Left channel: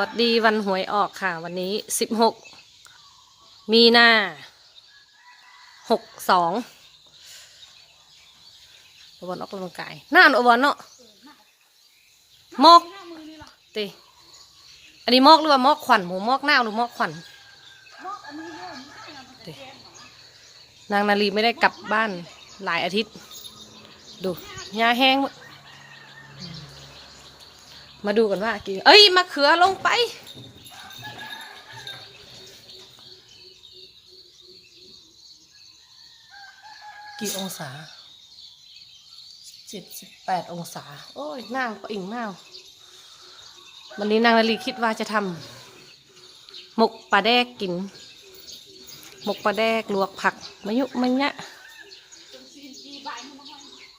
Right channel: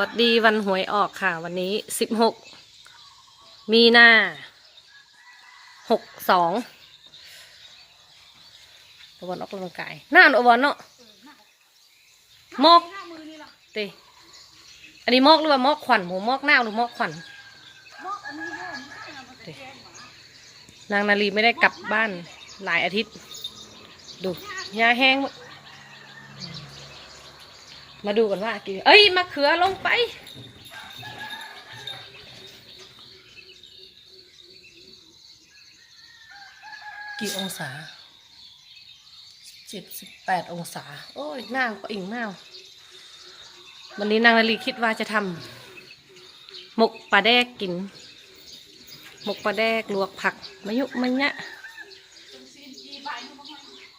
วัสดีวันหวยออกค่ะ วันนี้สิบหกมีนาหกสองอุบลออกกำลังกายน่านอุบลเนาะมอกเตอันนี้มอกหรือว่ามอกขวัญหมูมอกหน้าหรือมอกขวัญนางนาลีไม่ได้กลับบ้านหลายอาทิตย์ ดูหญ้าแห้ง มาดูกันว่ากี่เอ้ยมะเขือลงไป กี่องศาเจ็ดสิบแปดองศา โอ้ยหน้าวก็อิ่งหนาววันนี้นางนาลีคิดว่าจะทำหมกปลาแดกกิน หมกปลาแดกลวกผักมะยุมะยะ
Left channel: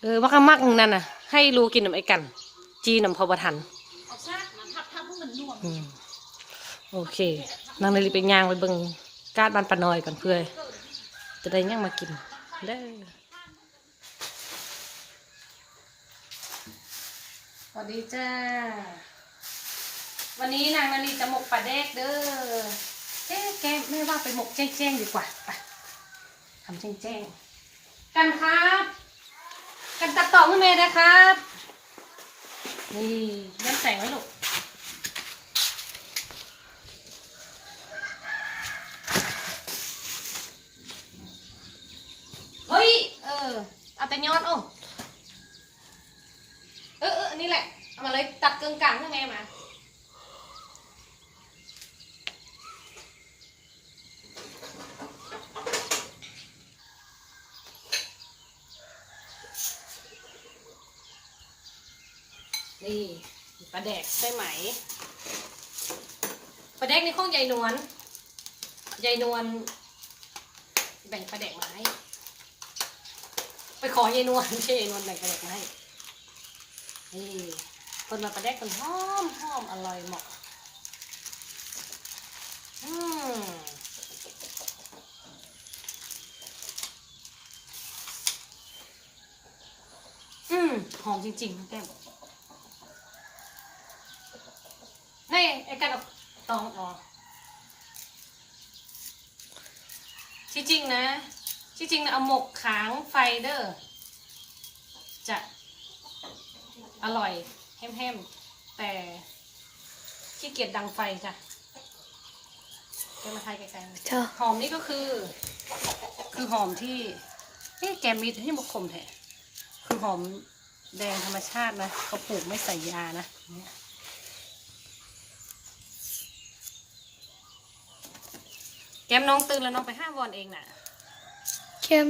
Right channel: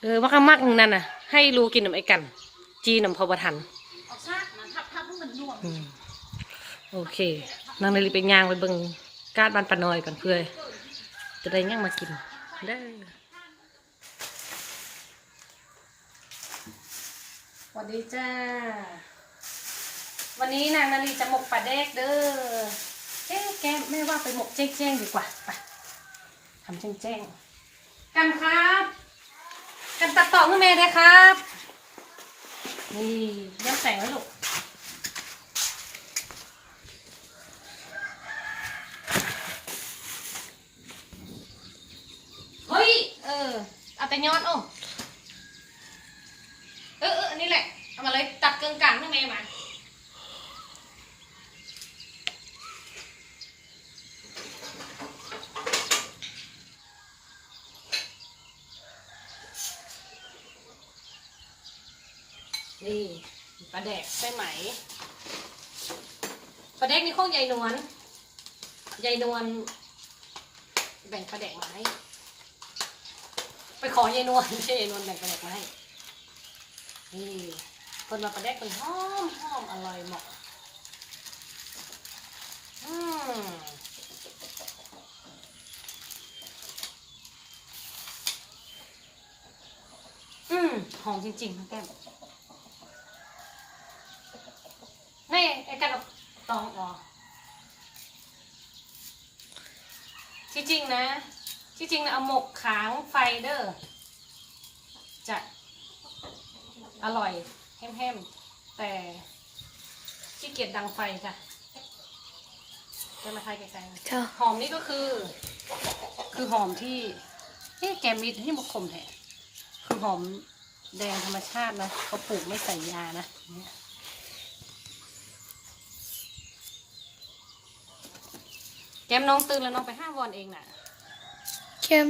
เออมักมักนั่นน่ะ ให้ลูกินน้ำไอ้กัน จีน้ำพอประทัน เอาซากนะทับทับให้มันน่วง อืม โอเคนางนาลีไปย่างไปเบิ่งกาดบ้านปะนอยก่อนเพื่อจะได้ย่างมากินเด้อสวัสดีจ้า วันนี้นางนาลีจะหมกปลาแดกเด้อเอ๊ะแกแม่ว่าไปหมกแจ้งๆดีกว่าไปทำแจ้งๆกันครับ กันตัดต่อให้แม่ได้วยครับ นี่ย้ำแสงไว้ลูก เฮ้ย เออ เอา แต่ยอดโอ้เออเอออันนี้แหละ เอามาเลยตัดเกึ่งกลางให้แม่มานี่ปลาแดกใช่ไหมปลาแดกนี่ของยายนวลยายนวลแบ่งปลาแดกมาให้ ขอยายนวลไม่ใช่ยายนวลแบ่งปลาแดกมาให้นี่คนมาปลาแดกคนหอมหอมอร่อยเหมาะอืมอืมหอมจริงๆนะแก้มนี่ไอ้กันเอาตองอ๋อที่จริงนะ ที่จริงนะเอาหมกขางไฟเดอร์จะอร่อยแฮมๆ แต่ขี้เกียจดังไฟจ้ะจะมาทายแกงเจ้าหอมนี่ก็คือ คือหอมที่เอ๊ะแกมีที่มะขมแท้คือหอมแดงธรรมชาตินะเขาปลูกไม่ใส่ยานะเนี่ยแกมน้องตื่นแล้วน้องไปห้าวอนเองน่ะ เข้ม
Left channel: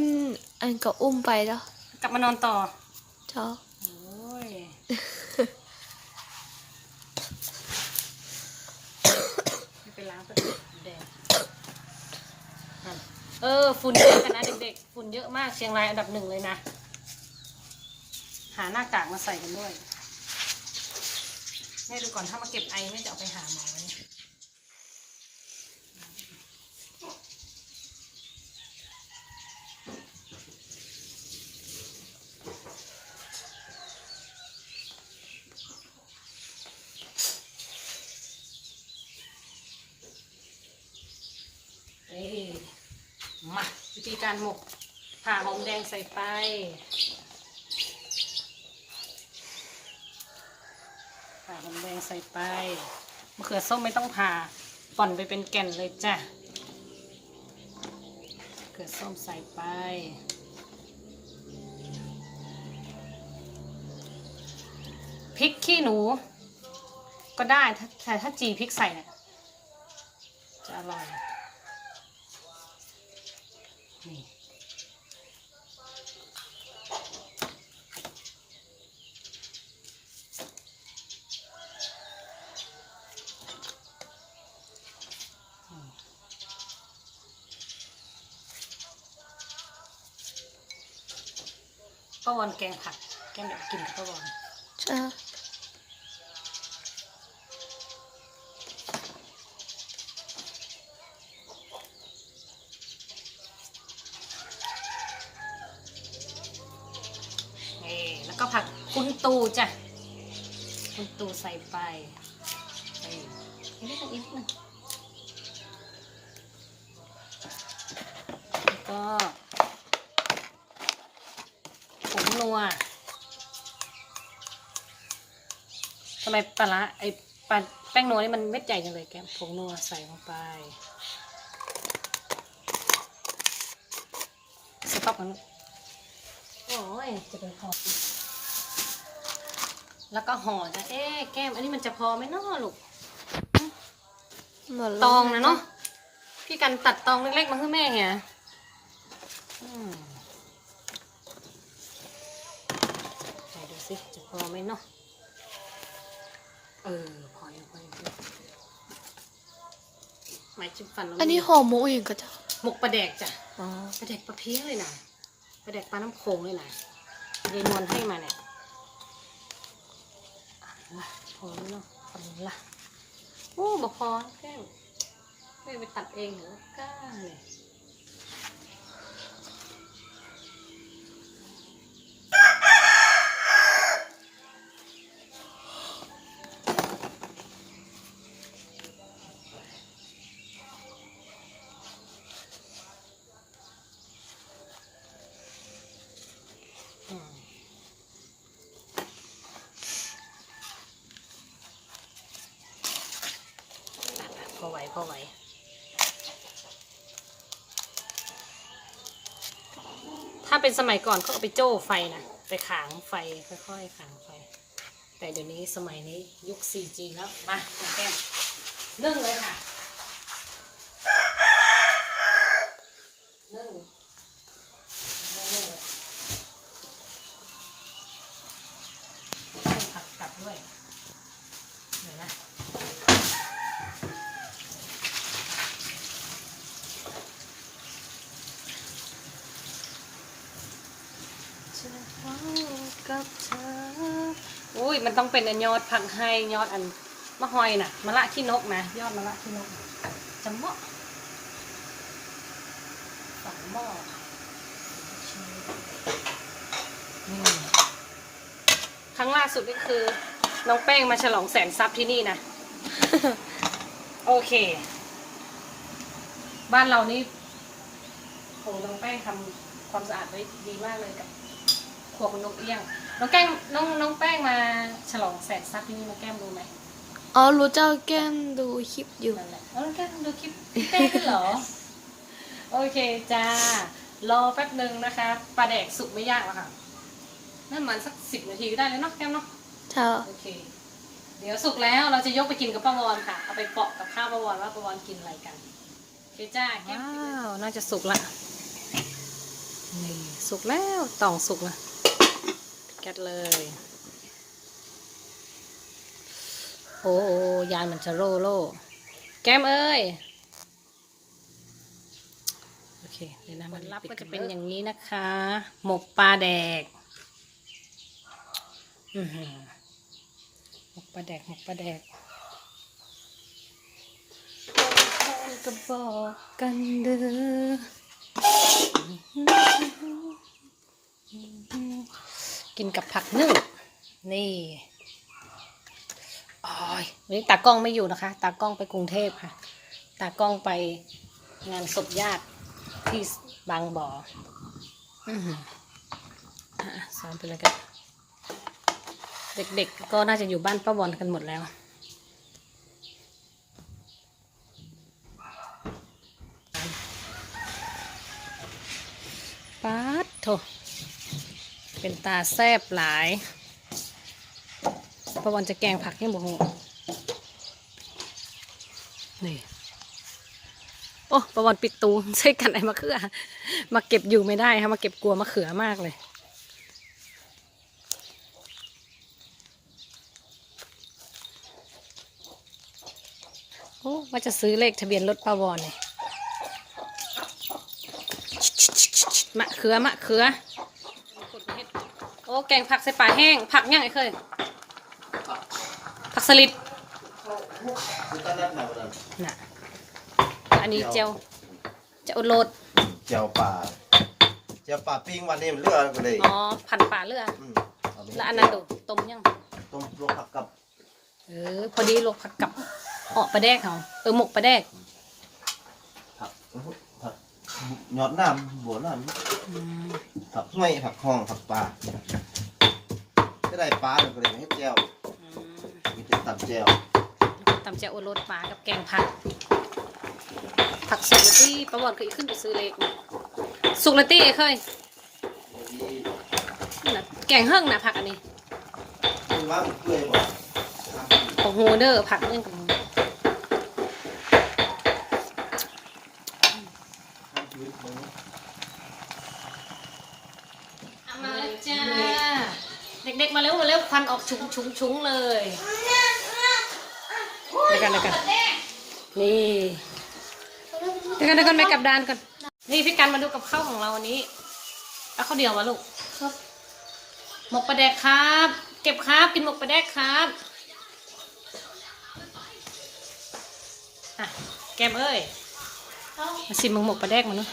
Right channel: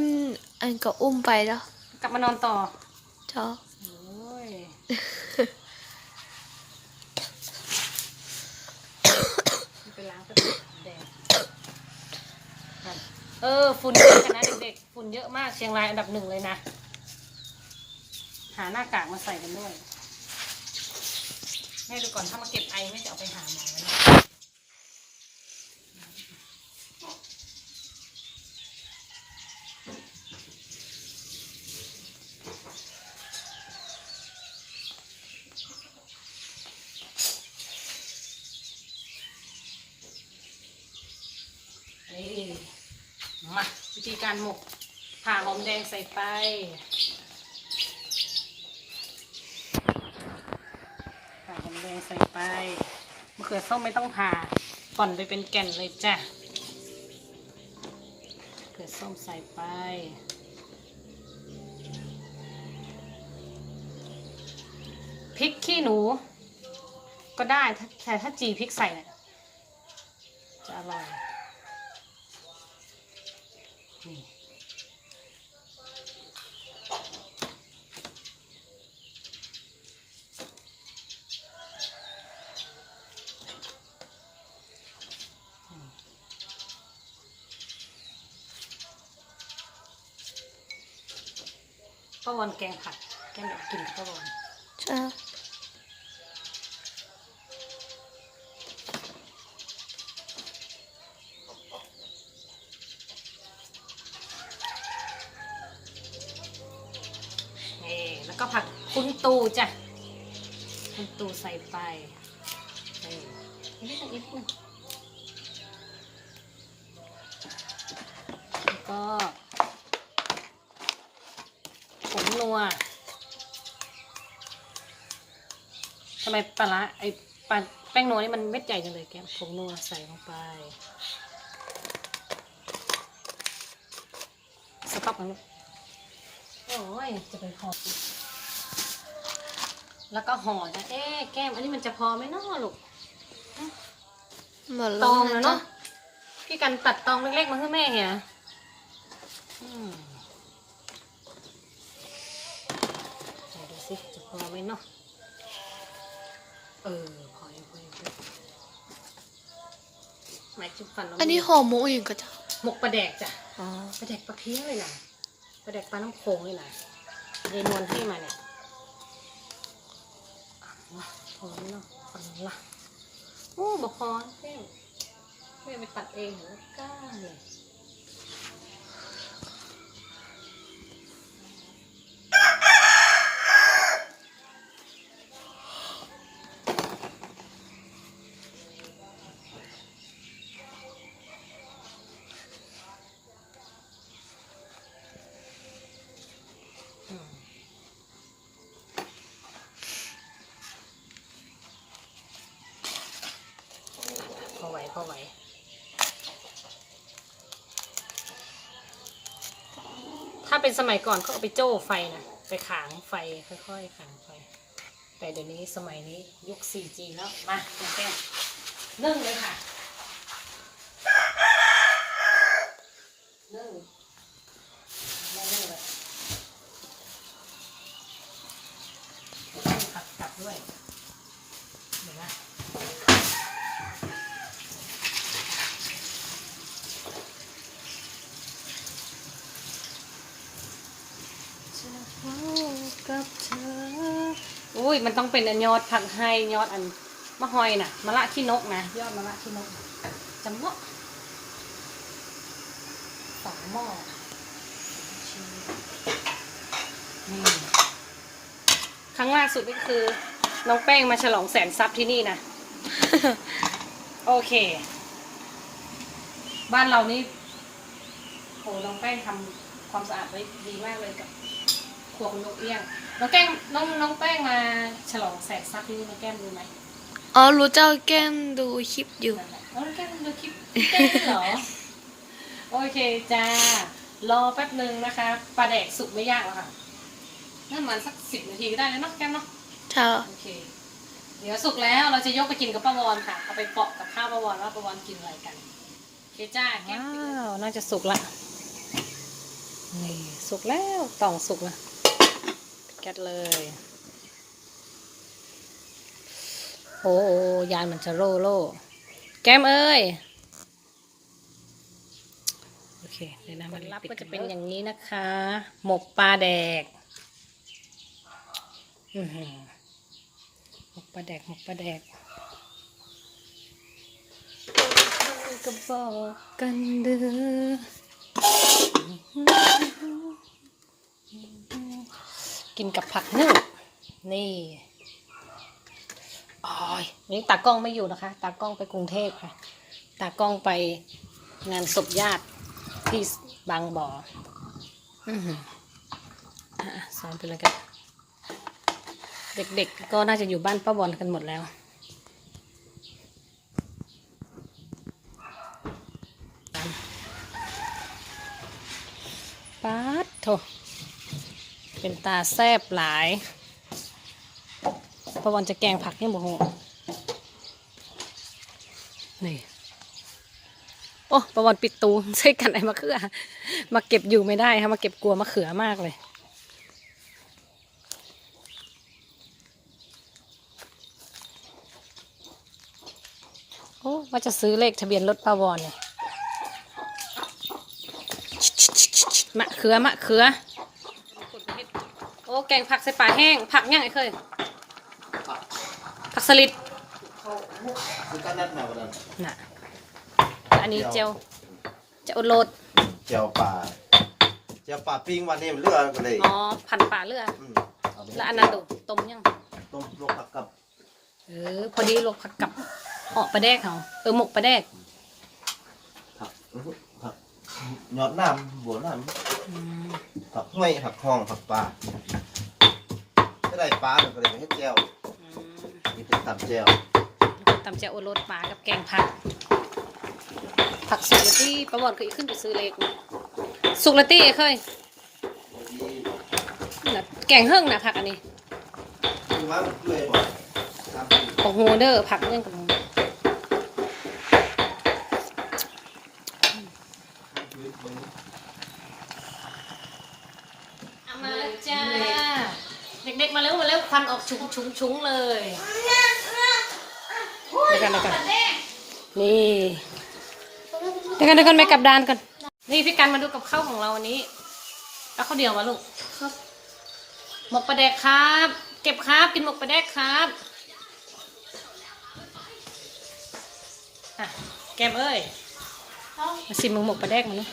อันก็อุ้มไปแล้วกลับมานอนต่อเจ้าโอ้ยไปล้างไปแดงนั่นเออ ฝุ่นเยอะกันนะเด็กๆ ฝุ่นเยอะมากเชียงรายอันดับหนึ่งเลยนะ หาหน้ากากมาใส่กันด้วย แม่ดูก่อนถ้ามาเก็บไอไม่จะเอาไปหาหมอนะนี่มาวิธี การหมกผ่าหอมแดงใส่ไป ผ่าหอมแดงใส่ไปมะเขือส้มไม่ต้องผ่าป่อนไปเป็นแก่นเลยจ้ะมะเขือส้มใส่ไปพริกขี้หนู ก็ได้แต่ถ้าจีพริกใส่จะอร่อย ป้าวันแกงผัดแกงเด็กกินกับป้าวันเจ้านี่แล้วก็ผักคุณตูจ้ะ คุณตูใส่ไปนี่นิดนึงอีกนิดนึงแล้วก็ผง นัวทำไมปลาร้าไอ้ปลาแป้งนัวนี่มันเม็ดใหญ่จังเลยแกมผงนัวใส่ลงไปสต๊อปมันลูกโอ้ยจะเป็นห่อแล้วก็ห่อนะเอ๊ะแก้ม อันนี้มันจะพอไหมเนาะลูกหมดตแล้อวงเลยนะเนาะพี่กันตัดตองเล็กๆมาให้แม่เหียอืมไหนดูสิจะพ อไหมเนาะ เออ พอยังพอยังพอยังหมายจุดฟันเราไม่อันนี้มีห่อหมูเองก็จะหมกปลาแดกจ้ะอ๋อปลาแดกปลาเพี้ยเลยนะปลาแดกปลาน้ำโขงเลยนะเรนวลให้มาเนี่ยอะละพอแล้วเนาะพอแล้วละโอ้บอกพอแก้วไม่ไปตัดเองเหรอกล้าเลย พอไวพอไหวถ้าเป็นสมัยก่อนเขาเอาไปโจ้ไฟนะไปขางไฟค่อยๆขางไฟ แต่เดี๋ยวนี้สมัยนี้ยุค 4G แล้ว มาแก้มเรื่องเลยค่ะเรื่องเรื่องเลย ผักกลับด้วยเดี๋ยวนะอุ้ ยมันต้องเป็นอันยอดผักไฮยอดอันมะฮอยน่ะมะละขี้นกนะยอดมะละขี้นกจำเนาะฝังหม้อนี่ครั้งล่าสุดก็คือ น้องแป้งมาฉลองแสนทรัพย์ที่นี่นะ โอเค บ้านเรานี่โหน้องแป้งทำความสะอาดไว้ดีมากเลยกับครัวคุณนกเอี้ยง น้องแก้มน้องน้องแป้งมาฉลองแสนทรัพย์ที่นี่น้องแก้มรู้ไหมอ๋อรู้เจ้าแก้มดูคลิปอยู่ นั่นแหละอ๋อน้องแก้มดูคลิปแก้มด้วยเหรอ โอเคจ้า รอแป๊บหนึ่งนะคะปลาแดกสุกไม่ยากแล้วค่ะนั่นมันสักสิบนาทีก็ได้เลยเนาะแก้มเนาะ เจ้าโอเค เดี๋ยวสุกแล้วเราจะยกไปกินกับป้าวอนค่ะ เอาไปเปาะกับข้าวป้าวอนว่าป้าวอนกินอะไรกันโอเคจ้าว้าวน่าจะสุกละ นี่ สุกแล้ว ต่องสุกละแกะเลย โอ้โอยายมันจะโร่โล่แก้มเอ้ย โอเคเดี๋ยวนะมันรับก็จะเป็นอย่างนี้นะคะ หมกปลาแดกอือหือหมกปลาแดกหมกปลาแดกก็บอกกันเด้อ กินกับผักนึ่งนี่โอ้ยวันนี้ตากล้องไม่อยู่นะคะ ตากล้องไปกรุงเทพค่ะ ตากล้องไปงานศพญาติที่บางบ่ออือหืออะสอนไปเลยกัน เด็กๆก็น่าจะอยู่บ้านป้าบอลกันหมดแล้วป๊าดโถ เป็นตาแซบหลายป้าบอลจะแกงผักให้หมดหัวนี่โอ้ป้าบอลปิดตูใช่กันไอ้มะเขือมาเก็บอยู่ไม่ได้ค่ะมาเก็บกลัวมะเขือมากเลย โอ้ว่าจะซื้อเลขทะเบียนรถปาวอนเนี่ยมะเขือมะเขือโอ้ แกงผักใส่ปลาแห้ง ผักย่างไอ้เคย ผักสลิด Kita nak nak berapa? น่ะ อันนี้เจียวเจียวโรด Jauh pa. Jauh pa ping วันนี้มันเลือกกันเลยอ๋อพันปลาเลือดมเาไปแล้วอันนั้นดูต้มยัง ต้มลวกผักกับเออ พอดีลวกผักกับออกปลาแดกเขาเออหมกปลาแดก ผักอื้อหือผัก ยอดน้ำบัวน้ำผักห้วยผักห้องผักปลาจะได้ปลาเดี๋ยวก็เลยมาให้แก้วนี่เป็นตับแก้วตำแจ่วโอรสปลากับแกงผัก ผักสุกละตี้ประวัติเคยขึ้นไปซื้อเล็กมาสุกละตี้เคยนี่ล่ะแกงเฮิ่งนะผักอันนี้คือว่าเพื่อยบอกของโฮเดอร์ผักเรื่องกับโฮมาแล้วจ้า เด็ก ๆมาเร็วมาเร็วควันออกชุงชุงชุงเลยเดี๋ยวกันเดี๋ยวกันนี่เดี๋ยวกันเดี๋ยวกันไปกลับดานกัน นี่พี่กันมาดูกับข้าวของเราวันนี้แล้วข้าวเดียวมาลูกครับ หมกปลาแดกครับ เก็บครับกินหมกปลาแดกครับอะแกมเอ้ยมาชิมมึงหมกปลาแดกมาเนอะ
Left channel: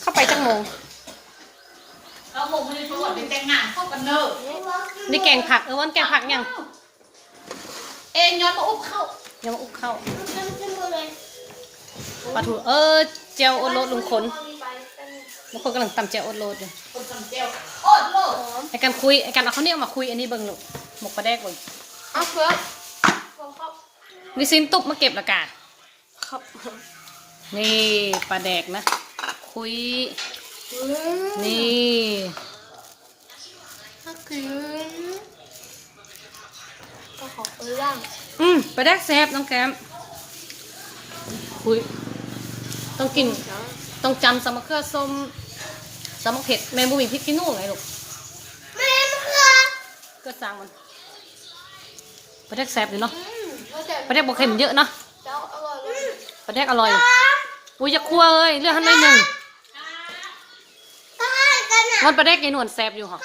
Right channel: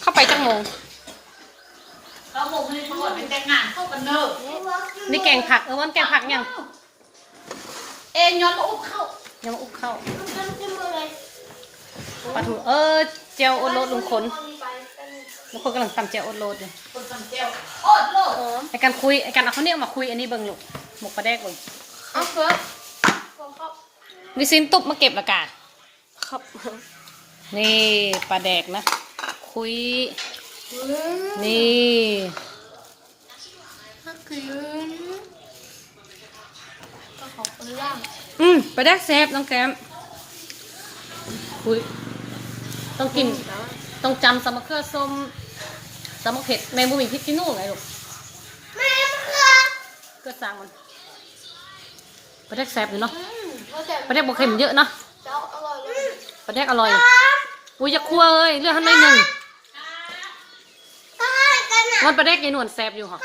เข้าไปจังโมง แล้วผมเลยตำรวจไปแต่งงานเข้ากันเนอะนี่แกงผักเออวันแกงผักยังเอ็นย้อนมาอุ้มเข้ายังมาอุกเข้าปลาทูเออเจียวโอตโรสลุงคนลุงคนกำลังตำเจียวโอตโรสเนี่ยคนจำเจ้าโอดโลดไอการคุยไอการเอาข้าวเหนียวมาคุยอันนี้เบิ่งลูกหมกปลาแดกเบิ่งเอาเพื่อมีซินตุบมาเก็บและกาครับนี่ปลาแดกนะ คุย นี่ก็คือก็ขอเปล่างอืมปลาแดกแซ่บน้องแก้มคุยต้องกิน ต้องจำสมะเขือส้มสมะเผ็ดแมงบุมีพริกขี้หนูไงลูกแม่เพื่อเก็สร้างมันปลาแดกแซ่บอยู่เนาะอืมแล้วแต่ปลาแดกบวเค็มเยอะเนาะเจ้าอร่อยเลยปลาแดกอร่อยอุ้ยอย่าคั่วเลยเลือกให้หน่อยหนึ่งก็ให้กันอะ มันปลาแดกยายนวลแซ่บอยู่ค่ะ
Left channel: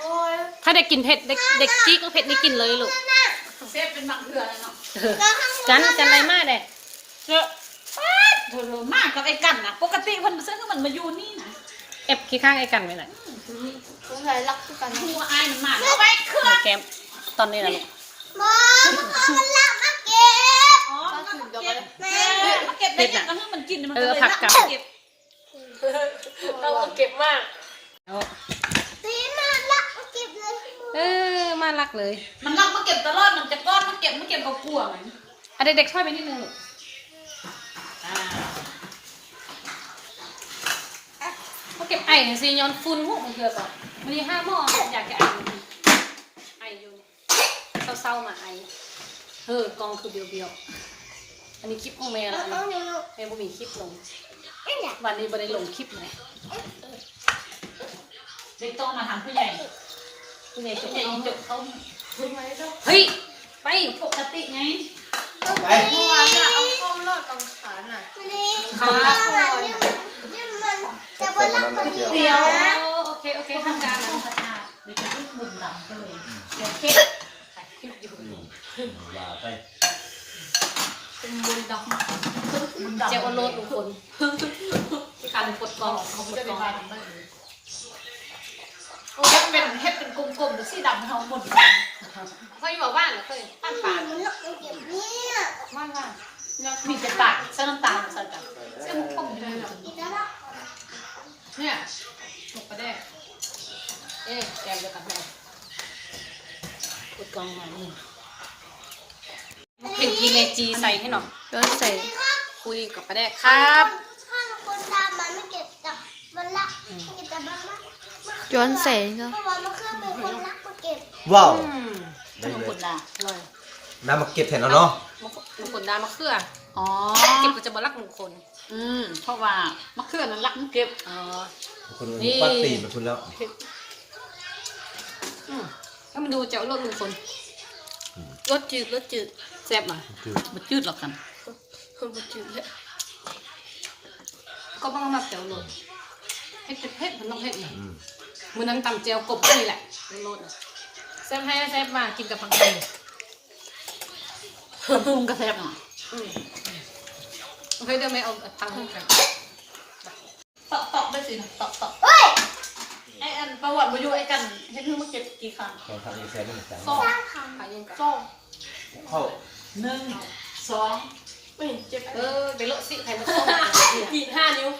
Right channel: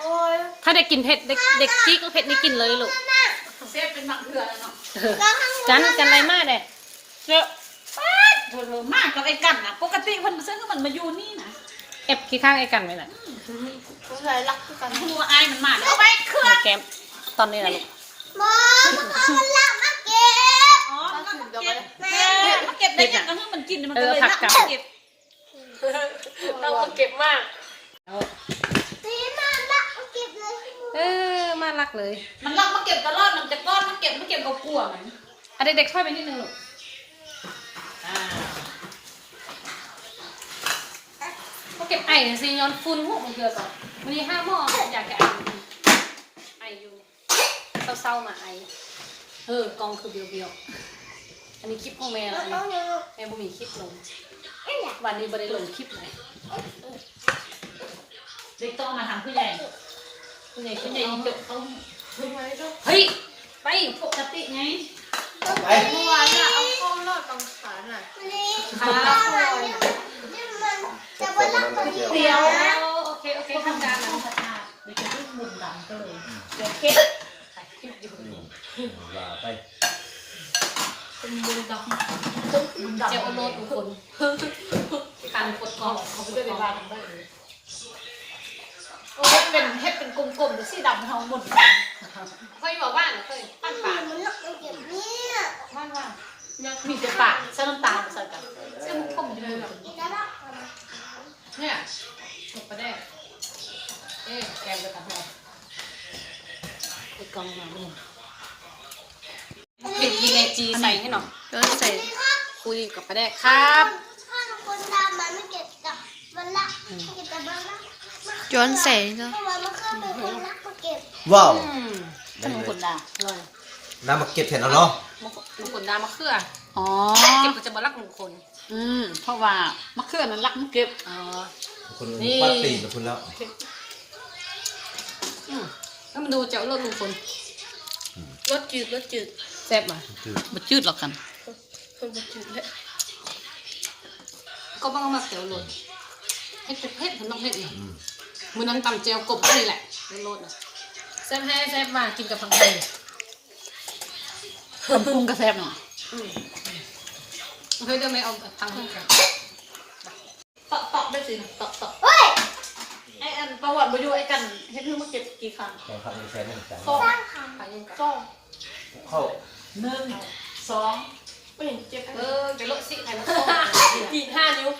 โอ้ยถ้าเด็กกินเผ็ดเด็กเด็กจี๊กก็เผ็ดนี่กินเลยลูกเซฟเป็นบางเถื่อนเนาะเออกันกันอะไรมากเด้เจ้าป๊าดเธอมากกับไอ้กันนะปกติคนซึ่งก็มันมาอยู่นี่นะเอฟขี้ข้างไอ้กันไหมล่ะสงสัยรักกันหัวอายมันมาเอาไปเครื่องไอ้แก้มตอนนี้นะลูกมองมันรักมาเก็บอ๋อก็ถึงจะไปเก็บได้ยังก็ให้มันกินมันเอก็อเลยผักกับเก็บเราเก็บมาก ตีมารักมาเก็บเลยเออมารักเลยมันลอกมาเก็บตลอดมันจะก้อนมันเก็บมันเก็บกับกลัวมันเอาเด็กๆช่วยไปนิดนึงลูกอ่าเขาเก็บไอ้หน่อยสิย้อนฟุ้นพวกมันเกลือก่อนมันมีห้าหม้ออยากจะไอไออยู่เศร้าๆมาไอเออกองคือเบียวๆอันนี้คลิปของแม่ละอันต้นี้องยังแม่บ่มีคลิปลงวันนี้บ่ได้ลงคลิปเลย เด็กต้องมาทำผู้ใหญ่ ผู้ใหญ่ผู้ผู้ใหใหญ่ญ่ยิงจบเขาทำไมต้องเฮ้ยไปปกติไงไปเมื่อวานน่ะเอาข้อรอดกองขาน่ะค่ะข้อรอยน่ะขอบคุณนะน้ำแก้วเดียวโอเคโอเคทำการนะเด็กจะพูดมุนดำก็เลยโอเคลาไปเป็นมือดอกมุนดำเจ้าโลดทุกคนตันกดกองเขาไม่ได้ไปบ้านกัน เลยเฮ็ดเป็นเฮ็ดเป็นกลมๆหรือสีดำเขาหมดกันเคยบอกบ้านเคยบ้านป่ามันรักมาเก็บเนี่ยบ้านว่านมีแต่ปากใส่น้ำตาลใส่กันซึ่งผมอยู่เลยกินแล้วล่ะเนี่ยตกไปได้เอ๊ะแกมไปกับแม่กดกองหน่อยนี่ปิดยีเลจีใส่ให้หน่อยแล้วใส่คุยกับป้าแดกครับถ้าคนดำมันไม่เก็บจับมันรักเก็บจับมันรัก ย้อนแสงเนาะเพราะว่ามันเคยเป็นคนรักมาเก็บว้าวอืมขนมกุนดังอร่อยน้ำมาเก็บเห็นแล้วเนาะมะมะกรูดดามะเขืออ๋อเก็บก็จะมารักมงคลอืมเพราะว่ามะเขือนั้นรักมันเก็บเออคุณนี่ปัดตีมาคุณแล้วอืมถ้ามันดูเจ้ารสมงคลรสจืดรสจืดแซ่บมามันจืดหรอกกันรสจืดเลยก็บ้างเอามาเจียวรสเผ็ดเผ็ดมันต้องเผ็ดหน่อยอื มมือนั้นตำเจียวกบก็นี่แหละรสๆนะแซ่บให้แซ่บมากินกับผักไทยกำพุงกาแฟหน่อยอืมโอเคได้ไหมเอาผักไทยกันตอกตอกได้สิตอกตอกเฮ้ยไอ้อันประวัติบอยู่ไอ้กันให้เพิ่งมาเก็บกี่ครั้งขอพักอีกแค่หนึ่งจานสองสร้างคผักเย็นกับำสองเข้าหนึ่งสองไม่เห็นเจ็บเออไปโลสิใครมาต้มตีห้านิ้ว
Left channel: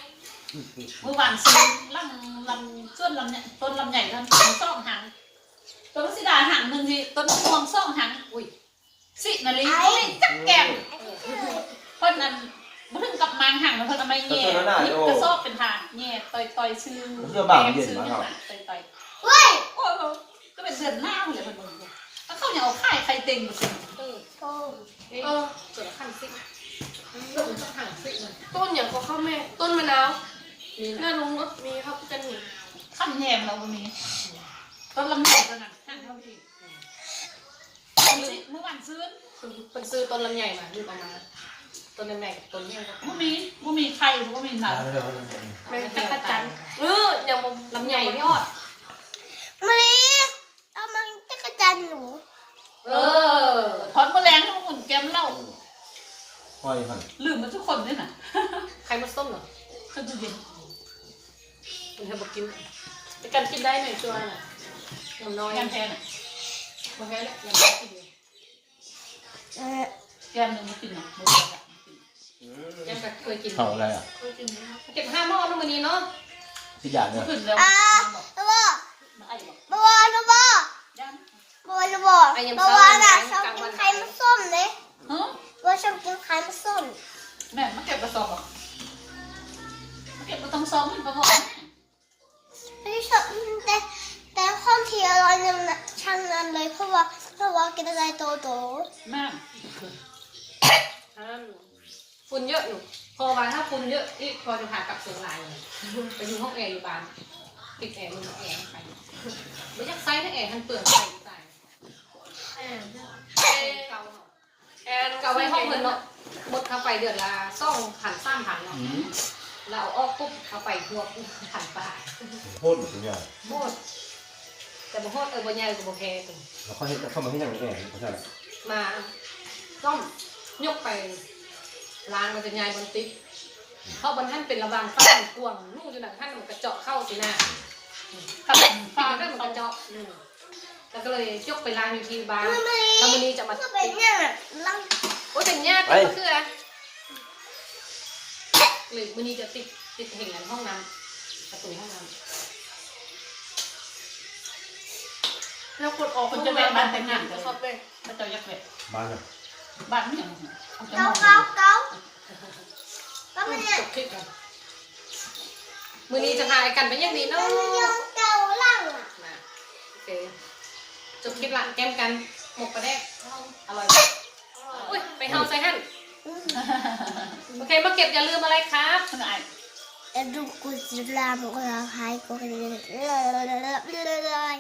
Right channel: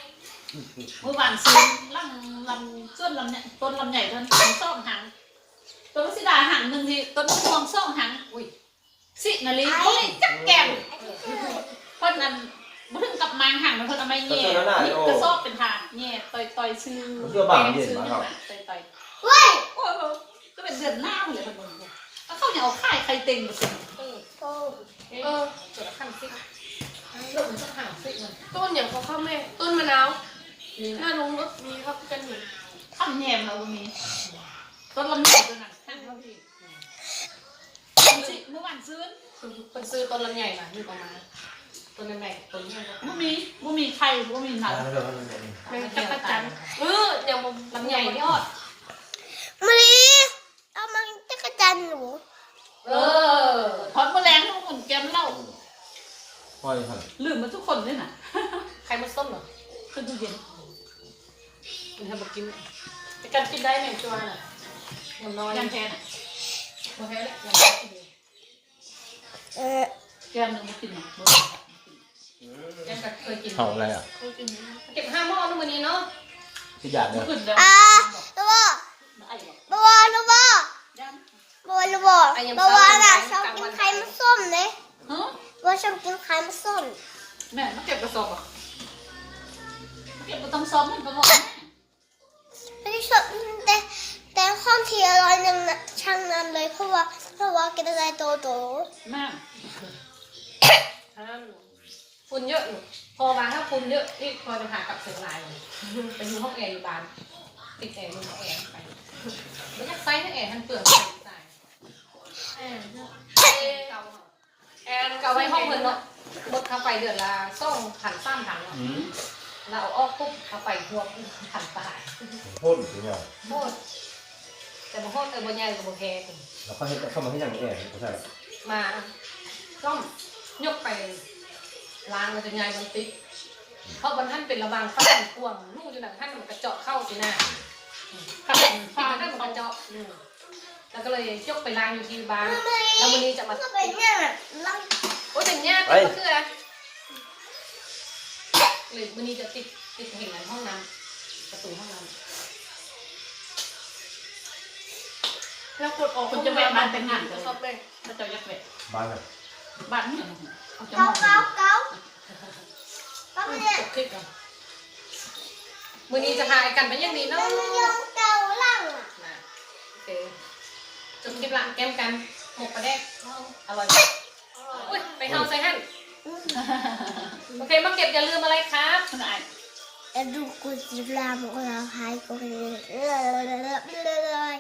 เมื่อวานซื้อลังลำส่วนลำเนี่ยต้นลำใหญ่ต้นซ่องหางต้นสิดาหางหนึ่งที่ต้นพวงซ่องหางอุ้ยสินาลีเขาเลยจักแก้มเพิ่นนั้นบ่ถึงกับมางหางมันเพิ่นเอาไม้แง่นี่กระสอบเป็นทางแง่ต่อยต่อยชื่อชื่อต่อยต่อยเว้ยโอ้โหก็เป็นเดือนหน้าเลยเพิ่นบอกแล้วเขาอย่าเอาค่ายใครเต็งมาสิเออโอ้เออส่วนละขั้นสิต้นอย่างเขาเข้าแม่ต้นมะนาว หน้าลงรถมีครับกันหนึ่งขั้นแยมเรามีต้นลำใหญ่ตัวนั้นข้างเราพี่เมื่อวานซื้อคนซื้อต้นลำใหญ่มาอยู่ประมาณต้นลำใหญ่กับต้นนี้ก็บ่มีบ่มีใครบ่มีหนาได้แบบนั้นแม่งจักรจันทร์เอออย่างผมลำใหญ่ยอดมาลีเอามันจะกระจันหนูเออพอดแมลงต้องอุ่นแจมเหล้าปล่อยหันลืมมาทุกคนด้วยน่ะใครมาส้มเหรอขึ้นตู้เย็น มันทำบอกกินไปกันกินได้ไหมตัวน่ะอย่างน้อยยังแทนโอเคแล้วยังไม่กินเลยเออแกมนึงมากินหนังบ่ยังก็เคยกินเขาอะไรอะเคยกินเก็บห้าหม้อนู่นวันนี้เนาะที่อยากเนี่ยขึ้นแล้วอ่าตัวบวบตัวบยังบวตัวบตัวบน่ะชอบกินไข่มันส้มเลยฮะบัวชอบกินไข่มันส้มแม่มาเก็บกระสอบอะ นเยอะนี่พอจะพากลับเชียงรายเลยไปดูห้องแอร์อยู่บ้านปิดแอร์ลงห้องแอร์ไปไม่อยากใส่ให้แอร์มันเปลืองไปตายแอร์เก่าเนาะแอร์เก่าไว้ห้องเงินเนาะหมดเข้าไปเดือนละสองพันสามพันเนาะเราเอาออกปุ๊บเข้าไปหัวพันปลาโคตรจริงอะโคตรแต่บ่โคตรแต่บ่ใหญ่กับบ่แพงแล้วเขาให้เข้ามาให้ยังไงเขาใช่หรอมาซ่อมยกไปล้างมันจะง่ายมันติด เพราะบนท่านเป็นระบางฟ้ากวางลูกอยู่ไหนท่านมันกระเจาะเข้าที่หน้าขับที่ฟ้ามันได้ได้มัมันนก็กระจะเจาะอืมแล้วก็เลยยกไปล้างอยู่ที่บ้านมาลีแล้ววันนี้จะมาก็เป็นเนี่ยแบบลังโอ้ยอย่างเนี้ยติดก็คืออะไรหรือวันนี้จะติดติดแห่งนั้นห้องน้ำประตูห้องน้แล้วกดออกคนจะแวะบ้านแต่งงานกันำชอบเลยพระเจ้ายักษ์แวะบ้านอะบ้านนี่เอาจะมเกาองเกาเกาก็ไม่เนี่ย จบคลิปกันมือนี้จะพาไอ้กันไปยังดีเนาะมันยังเกาลังอะนะโอเคจบคลิปละแก้มกันหมกปลาแดกอร่อยอุ้ยไปห้องใส่หั่นโอเคมาเก็บอย่าลืมอะไรครับขนาดแต่ดูกูจิบลามกูเราหายกูกันเลย